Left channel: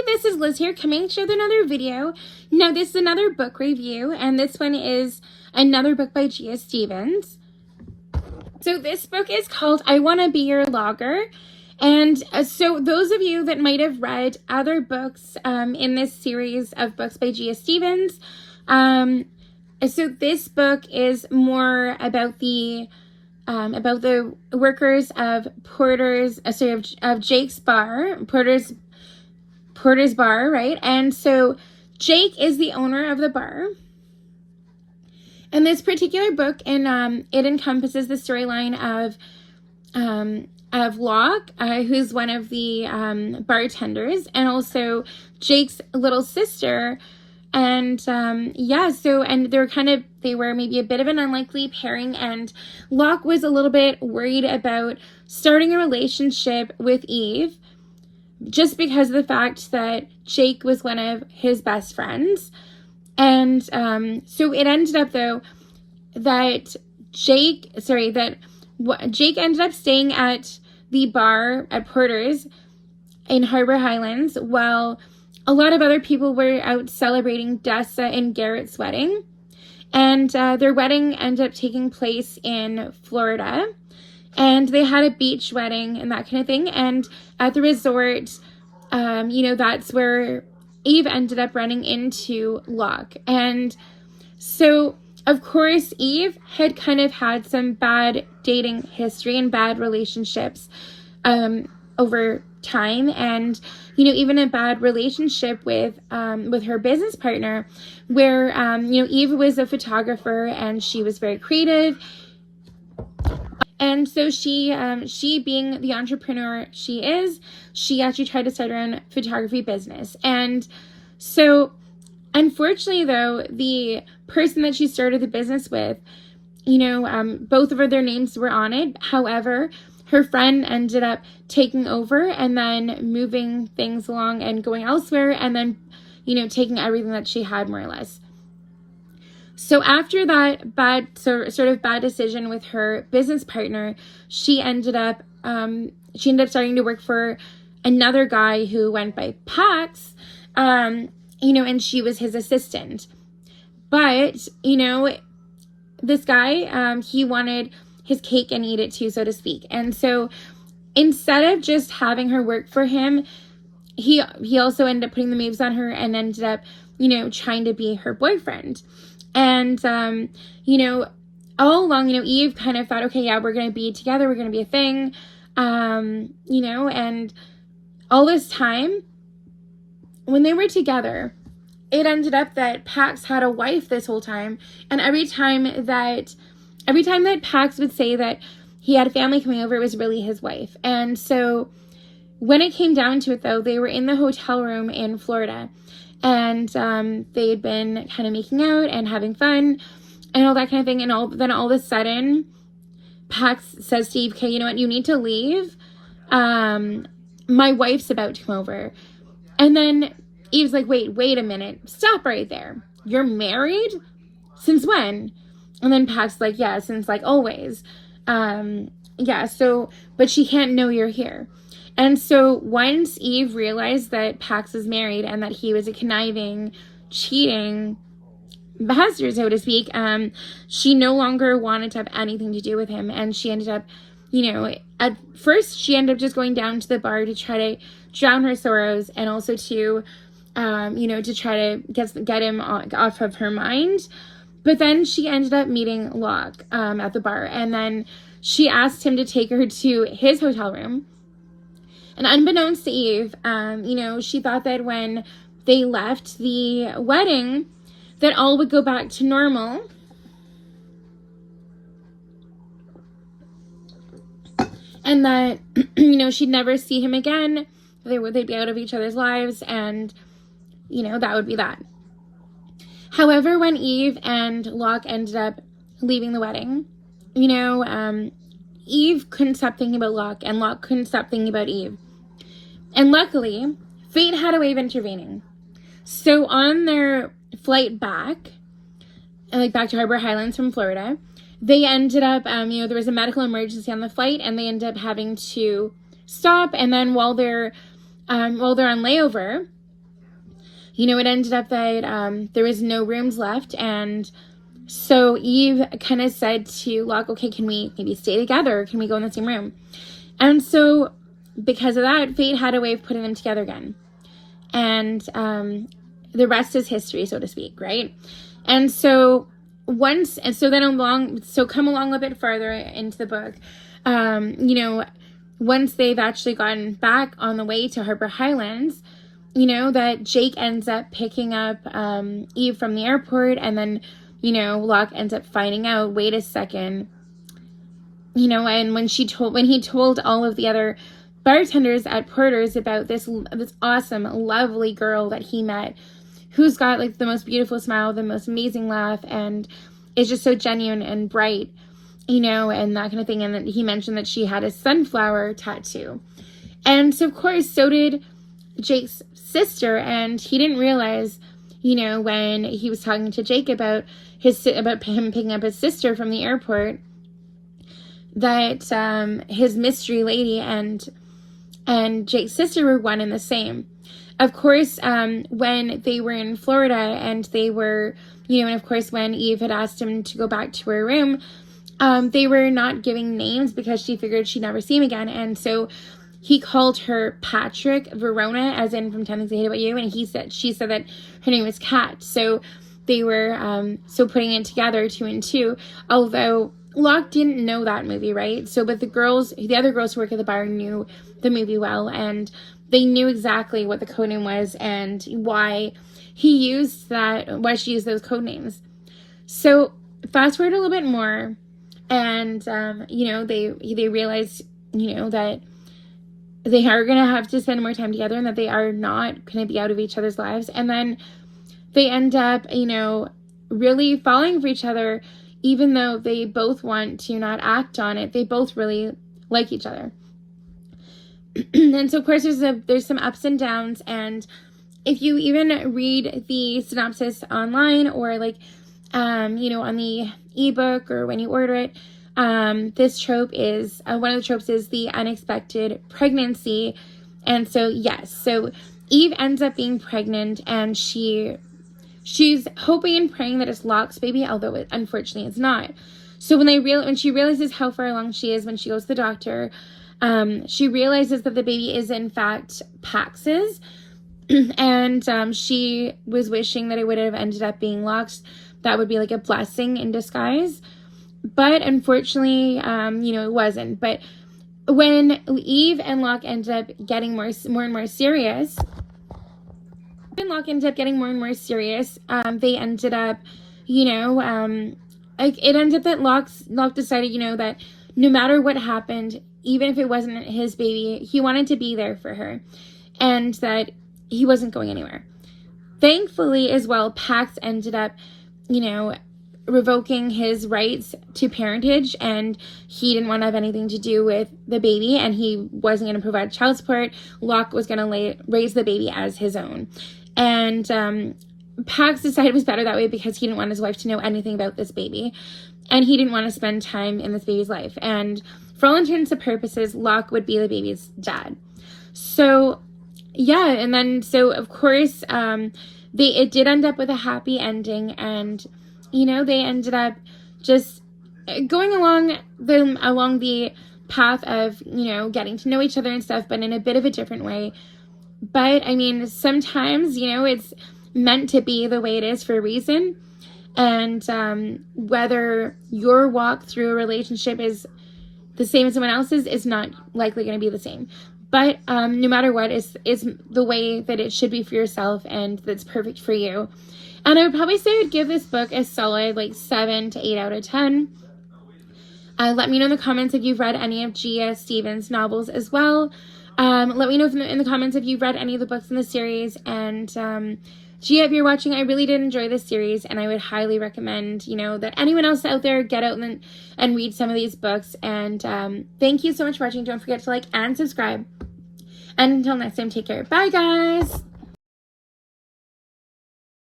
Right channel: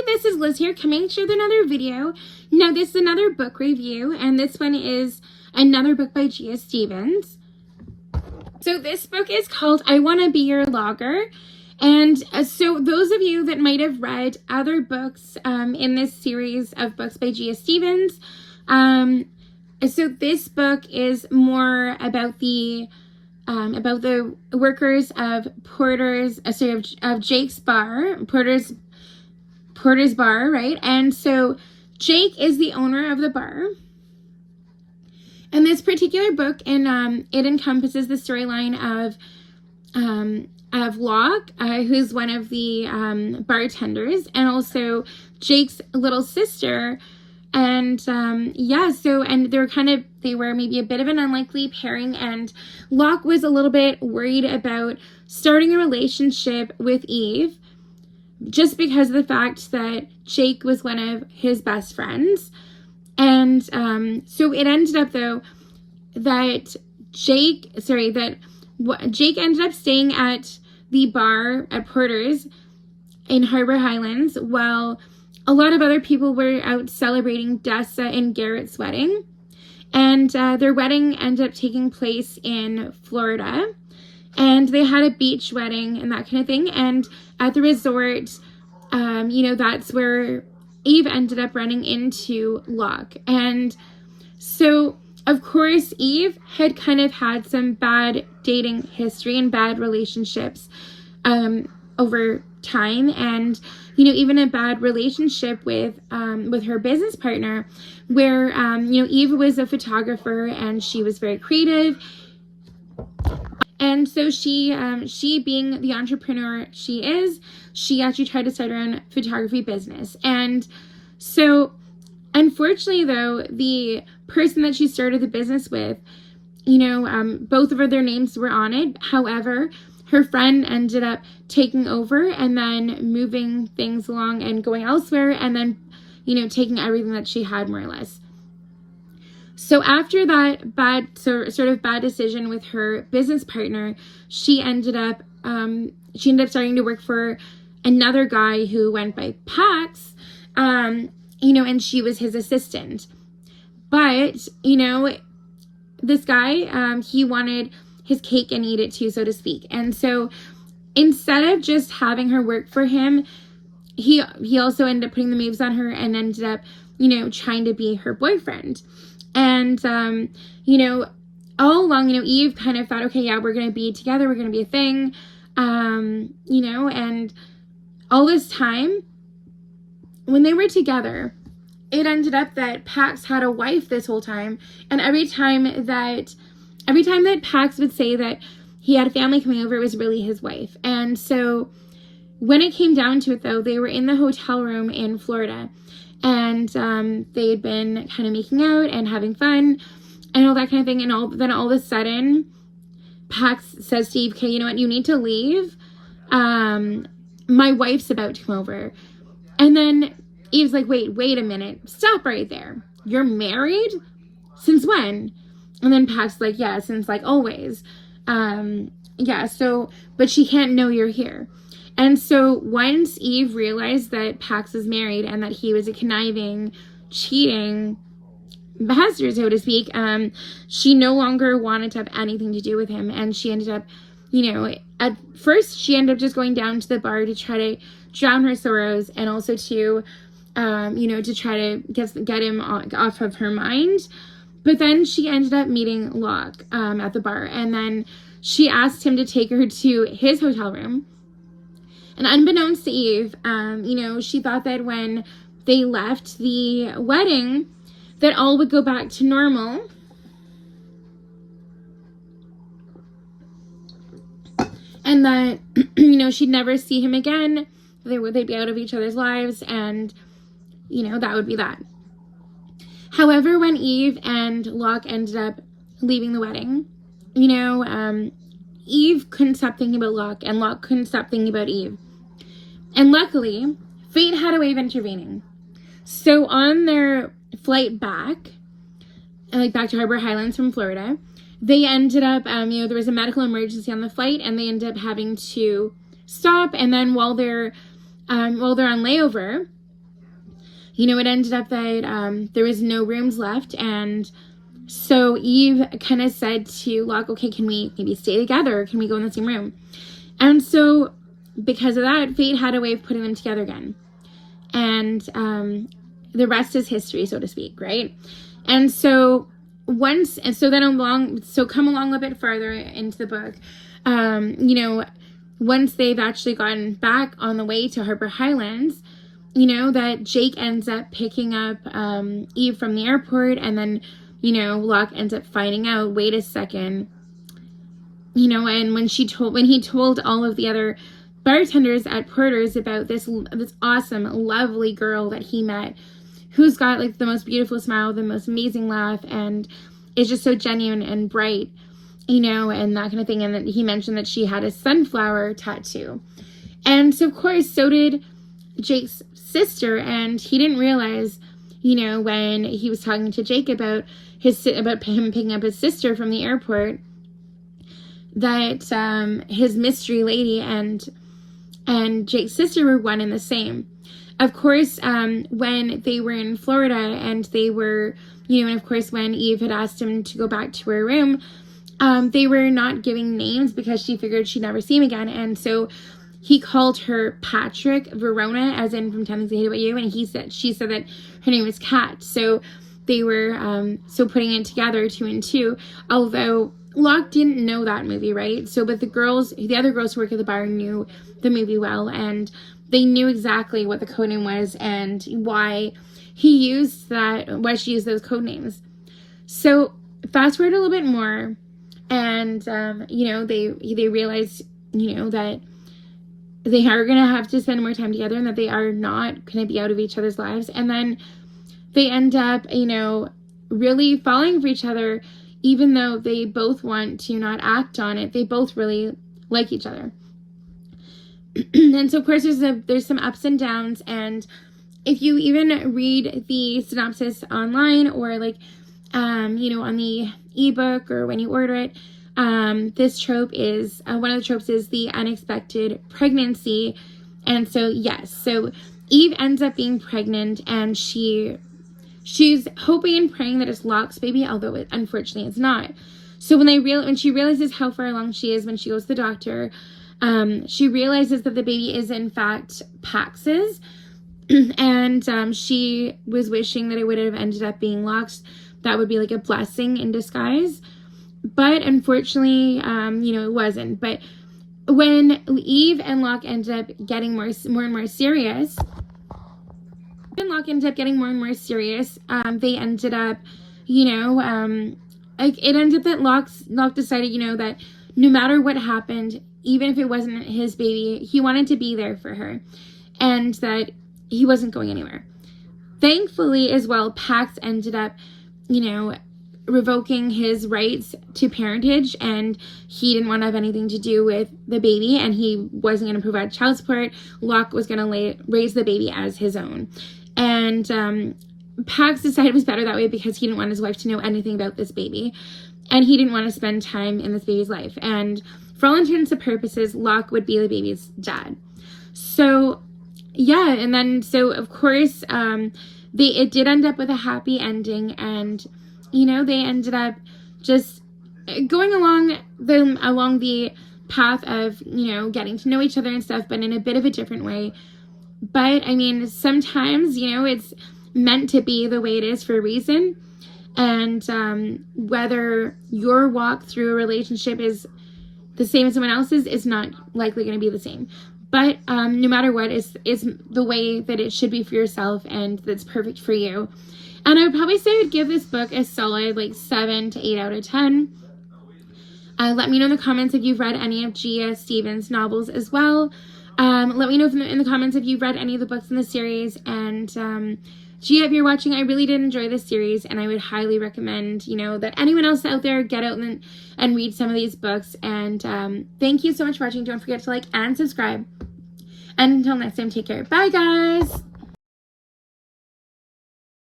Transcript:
Hi, this is Liz here coming to you with another video. Now this is another book review, and this one is another book by Gia Stevens. So this book is called I Want to Be Your Logger. And so those of you that might have read other books in this series of books by Gia Stevens, so this book is more about the workers of of Jake's bar, Porter's bar, right? And so Jake is the owner of the bar. And this particular book, it encompasses the storyline of Locke, who's one of the bartenders, and also Jake's little sister. And they were maybe a bit of an unlikely pairing, and Locke was a little bit worried about starting a relationship with Eve just because of the fact that Jake was one of his best friends. And so it ended up though that Jake ended up staying at the bar at Porter's in Harbor Highlands while a lot of other people were out celebrating Dessa and Garrett's wedding. And their wedding ended up taking place in Florida. And they had a beach wedding and that kind of thing. And at the resort, that's where Eve ended up running into Locke. And so, of course, Eve had kind of had some bad dating history and bad relationships over time, and even a bad relationship with her business partner, where Eve was a photographer and she was very creative, and so she being the entrepreneur she is, she actually tried to start her own photography business. And so unfortunately though, the person that she started the business with, both of their names were on it. However, her friend ended up taking over and then moving things along and going elsewhere, and then, taking everything that she had, more or less. So after that sort of bad decision with her business partner, she ended up starting to work for another guy who went by Pax, and she was his assistant. But, this guy, he wanted his cake and eat it too, so to speak. And so instead of just having her work for him, he also ended up putting the moves on her and ended up, trying to be her boyfriend. And, all along, Eve kind of thought, okay, yeah, we're going to be together. We're going to be a thing. And all this time when they were together, it ended up that Pax had a wife this whole time. And every time that Pax would say that he had a family coming over, it was really his wife. And so when it came down to it, though, they were in the hotel room in Florida, and they'd been kind of making out and having fun and all that kind of thing. And then all of a sudden, Pax says to Eve, okay, you know what, you need to leave. My wife's about to come over. And then Eve's like, wait a minute, stop right there. You're married? Since when? And then Pax's like, yeah, since like always. But she can't know you're here. And so once Eve realized that Pax is married and that he was a conniving, cheating bastard, so to speak, she no longer wanted to have anything to do with him. And she ended up, at first she ended up just going down to the bar to try to drown her sorrows, and also to, to try to get him off of her mind. But then she ended up meeting Locke at the bar, and then she asked him to take her to his hotel room. And unbeknownst to Eve, she thought that when they left the wedding, that all would go back to normal. And that, she'd never see him again. They'd be out of each other's lives, and, that would be that. However, when Eve and Locke ended up leaving the wedding, Eve couldn't stop thinking about Locke, and Locke couldn't stop thinking about Eve. And luckily, fate had a way of intervening. So on their flight back to Harbor Highlands from Florida, they ended up, there was a medical emergency on the flight, and they ended up having to stop. And then while they're on layover, it ended up that there was no rooms left, and so Eve kind of said to Locke, okay, can we maybe stay together? Can we go in the same room? And so because of that, fate had a way of putting them together again. And the rest is history, so to speak, right? And so come along a bit farther into the book, once they've actually gotten back on the way to Harper Highlands, that Jake ends up picking up Eve from the airport, and then, Locke ends up finding out, wait a second, and when he told all of the other bartenders at Porter's about this awesome, lovely girl that he met, who's got like the most beautiful smile, the most amazing laugh, and is just so genuine and bright, and that kind of thing. And that he mentioned that she had a sunflower tattoo. And so, of course, so did Jake's sister, and he didn't realize, when he was talking to Jake about him picking up his sister from the airport, that his mystery lady and Jake's sister were one and the same. Of course, when they were in Florida and they were, and of course when Eve had asked him to go back to her room, they were not giving names because she figured she'd never see him again. And so he called her Patrick Verona, as in from 10 Things I Hate About You, and she said that her name was Kat. So they were putting it together 2 and 2, although Locke didn't know that movie, right? So, but the other girls who work at the bar knew the movie well, and they knew exactly what the code name was and why she used those code names. So, fast forward a little bit more, and they realized, that they are going to have to spend more time together, and that they are not going to be out of each other's lives. And then they end up, really falling for each other, even though they both want to not act on it. They both really like each other. And so, of course, there's some ups and downs. And if you even read the synopsis online, or on the ebook, or when you order it, this trope is, one of the tropes is the unexpected pregnancy. And so, yes, so Eve ends up being pregnant, and she's hoping and praying that it's Locke's baby, although unfortunately it's not. So when she realizes how far along she is when she goes to the doctor, she realizes that the baby is in fact Pax's, and she was wishing that it would have ended up being Locke's. That would be like a blessing in disguise. But unfortunately, it wasn't. But when Eve and Locke ended up getting more and more serious, they ended up, it ended up that Locke decided, that no matter what happened, even if it wasn't his baby, he wanted to be there for her, and that he wasn't going anywhere. Thankfully, as well, Pax ended up, revoking his rights to parentage, and he didn't want to have anything to do with the baby, and he wasn't going to provide child support. Locke was going to raise the baby as his own. And Pax decided it was better that way because he didn't want his wife to know anything about this baby, and he didn't want to spend time in this baby's life. And for all intents and purposes, Locke would be the baby's dad. So, yeah, and then, so of course, it did end up with a happy ending, and they ended up just going along the path of, getting to know each other and stuff, but in a bit of a different way. But, I mean, sometimes, it's meant to be the way it is for a reason. And whether your walk through a relationship is the same as someone else's is not likely going to be the same. But no matter what, is the way that it should be for yourself, and that's perfect for you. And I would probably say I would give this book a solid 7 to 8 out of 10. Let me know in the comments if you've read any of Gia Steven's novels as well. Let me know in the comments if you've read any of the books in the series. And Gia, if you're watching, I really did enjoy this series, and I would highly recommend, that anyone else out there get out and read some of these books. And thank you so much for watching. Don't forget to like and subscribe. And until next time, take care. Bye, guys.